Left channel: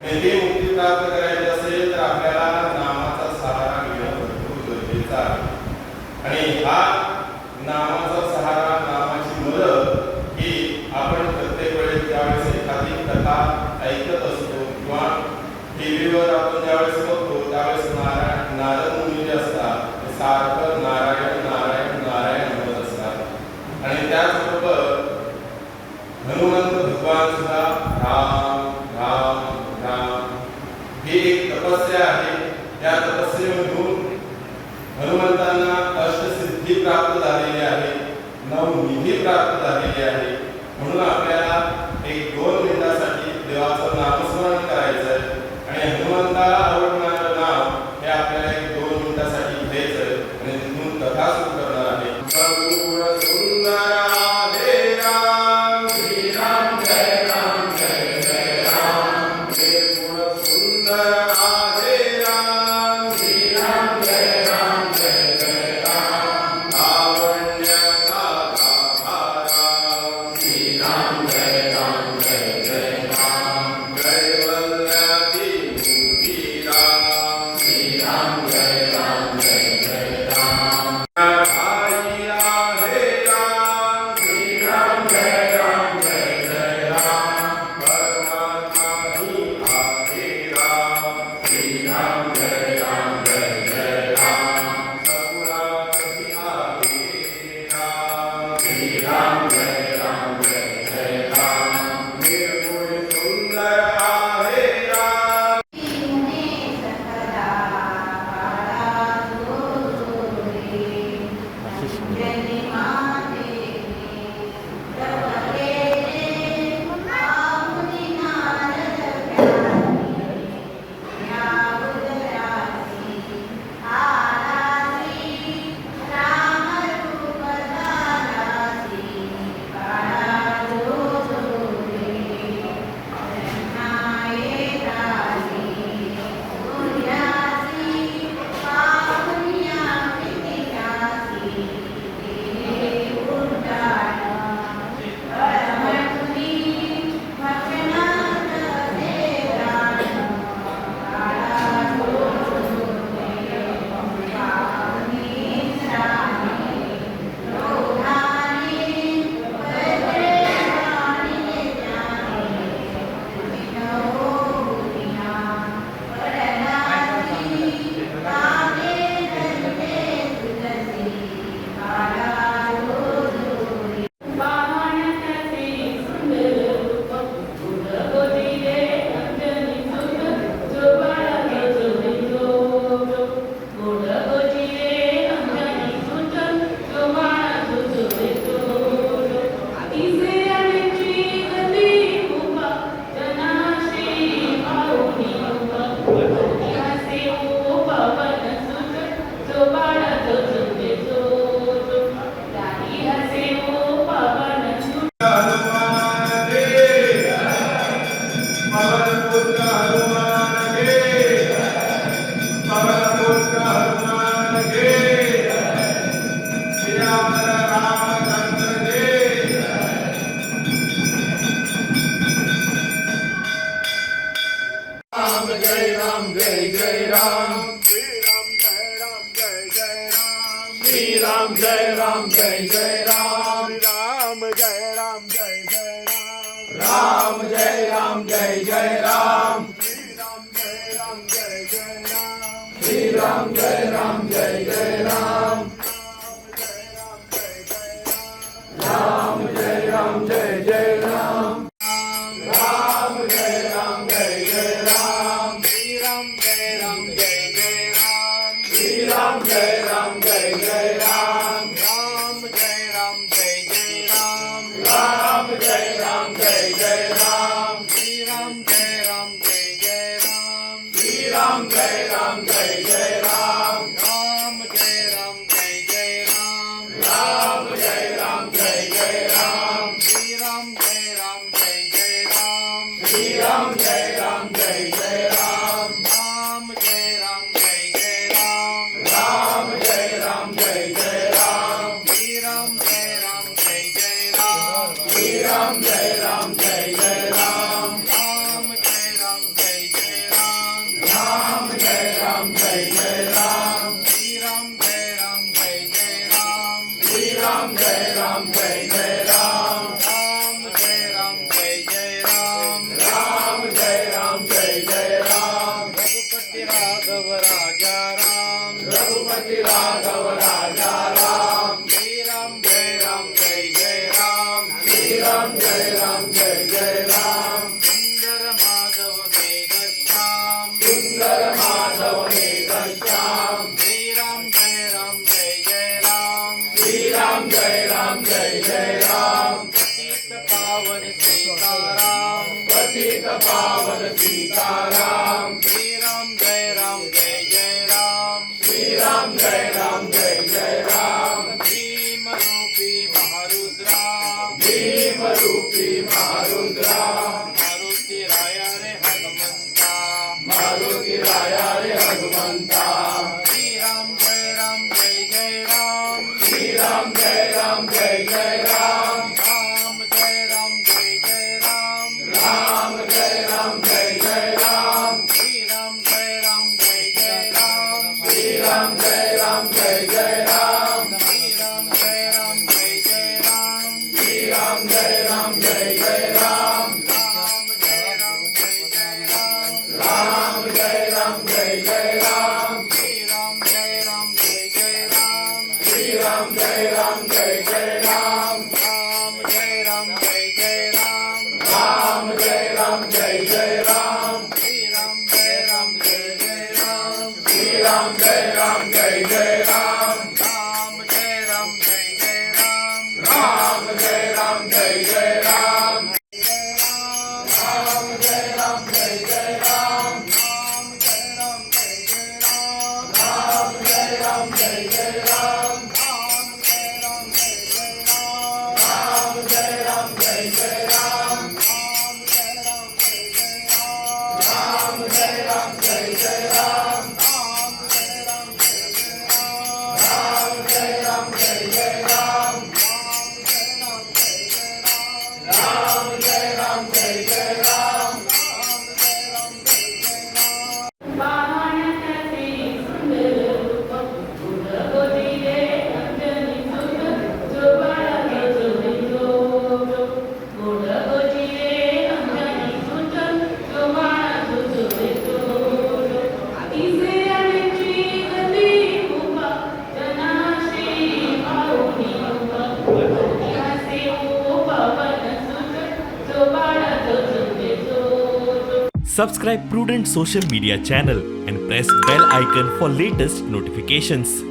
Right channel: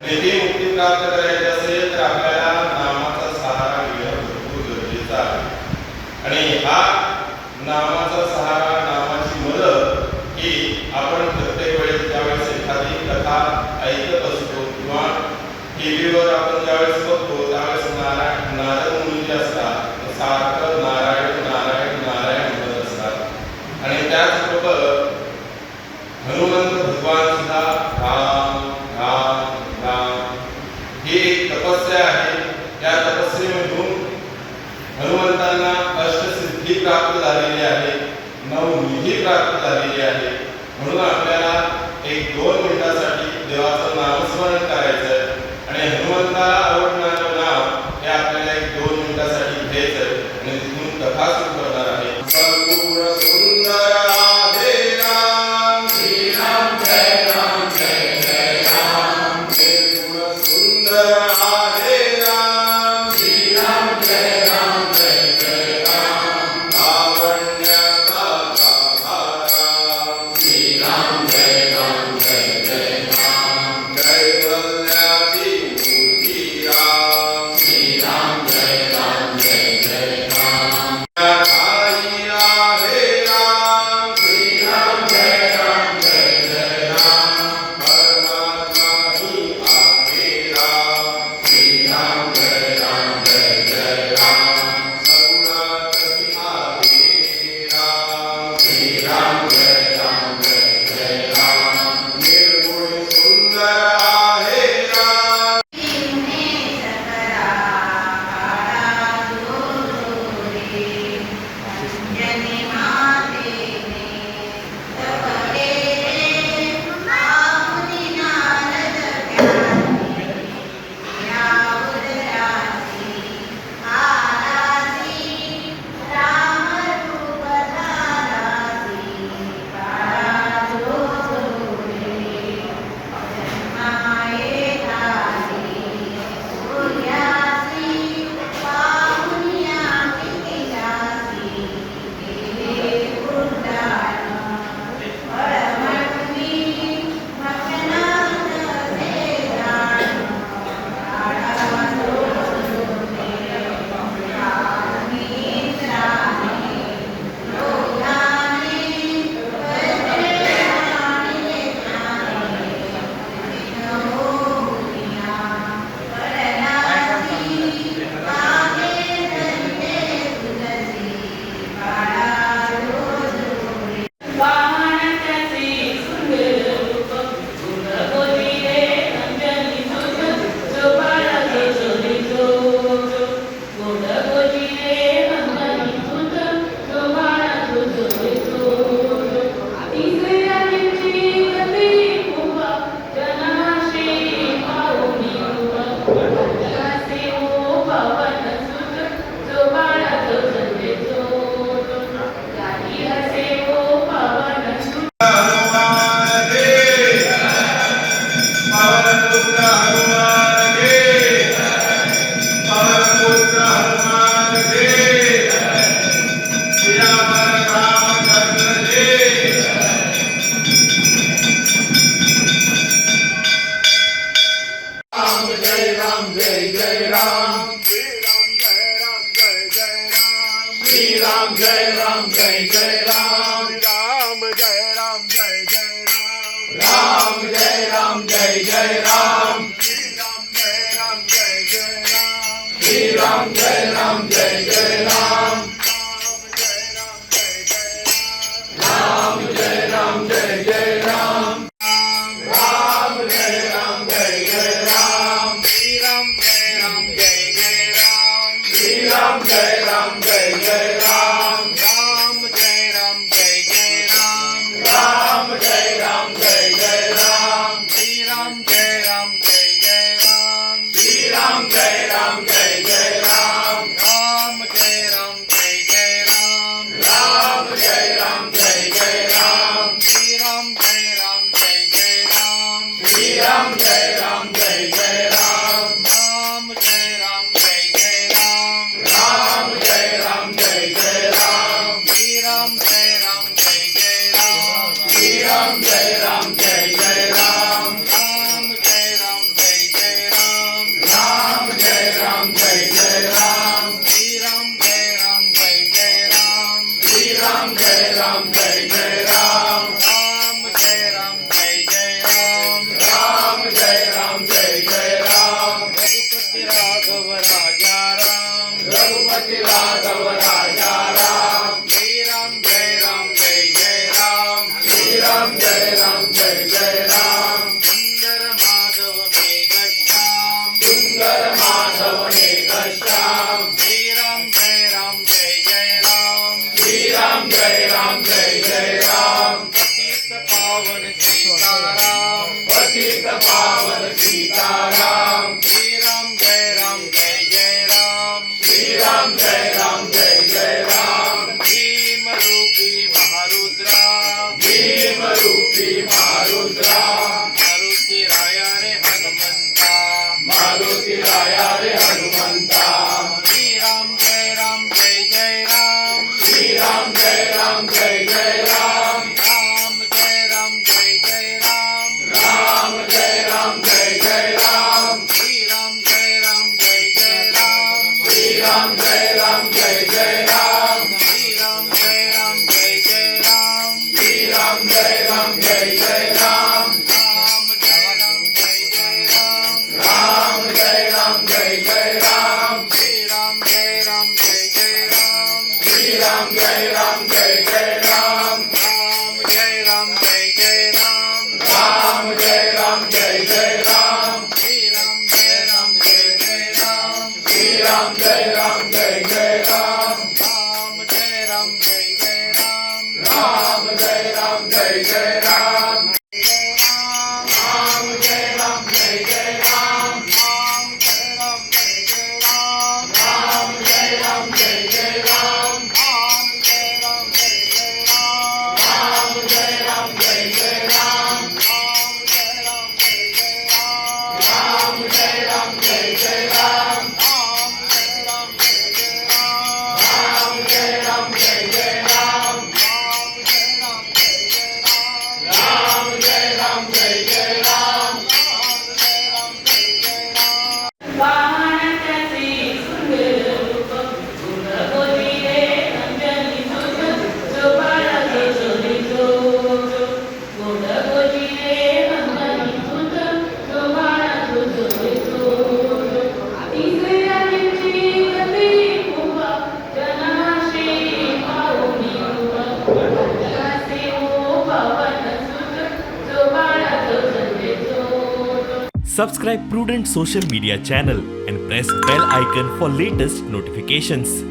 ती मुक्ती प्राप्त करायची असेल तर आपल्याला नामाचा सहारा घेणं भरपूर गरजेचं आहे। आणि हा नामाचा सहारा, नामाची मदत ही आपण प्रत्येक वेळेस ज्यावेळेस एखादी कथा ऐकत असतो किंवा टीव्हीवर आपण ज्यावेळेस बघतो त्यावेळेस नारद मुनी जे असतात ते सारखं नारायण नारायण नारायण म्हणत असतात। आणि त्याचबरोबर हनुमंत भगवान सुद्धा राम राम राम ही एक तपस्या आहे। या तपस्येमधून हनुमंतांना अष्टसिद्धी प्राप्त झालेली आहे, नवनिधी प्राप्त झालेली आहे। म्हणून आपल्याला एक 2 मिनिटासाठी देवाचं नामस्मरण करायचं आणि हनुमंताला आवडणारं नाव हे आपल्याला एक 2 मिनिटासाठी घ्यायचं आणि तिथून कथा सुरू करणार आहे। Jai Ram, Jai Ram, Jai Jai Ram, Ram Jai Ram, Jai Ram Shriram जय राम जय जय राम श्रीराम जय राम जय जय राम भीम रूपी महारुद्रा भीम रूपी महारुद्रा मारुती राया रे हनुमंता मारुती राया रे हनुमंता श्रीराम जय राम जय जय राम श्रीराम जय राम जय जय राम राम जय राम जय जय राम राम जय राम जय जय राम श्रीराम जय राम जय जय राम श्रीराम जय राम जय जय राम श्रीराम जय राम जय जय राम श्रीराम जय राम जय जय राम राम जय राम जय जय राम राम जय राम जय जय राम श्रीराम जय राम जय जय राम श्रीराम जय राम जय जय राम राम जय राम जय जय राम राम जय राम जय जय राम श्रीराम जय राम जय जय राम श्रीराम जय राम जय जय राम राम जय राम जय जय राम राम जय राम जय जय राम जय राम राम जय राम जय जय राम राम जय राम जय जय राम राम जय राम जय जय राम राम जय राम जय जय राम राम जय राम जय जय राम राम जय राम जय जय राम राम जय राम जय जय राम राम जय राम जय जय राम राम जय राम जय जय राम राम जय राम जय जय राम राम जय राम जय जय राम राम जय राम जय जय राम वाहनाचे सुंदर रूप गुणगोविंदे अंजनी सुत शोभा जोडितो गुणगोविंदे अंजनी सुत शोभा जोडितो इंद्रियांची गती मुका जनाशी पाऊनी जनासे ओ पवन सुत शोभा जोडितो Subscribe Prudent Social Media channel and press bell icon for latest notifications.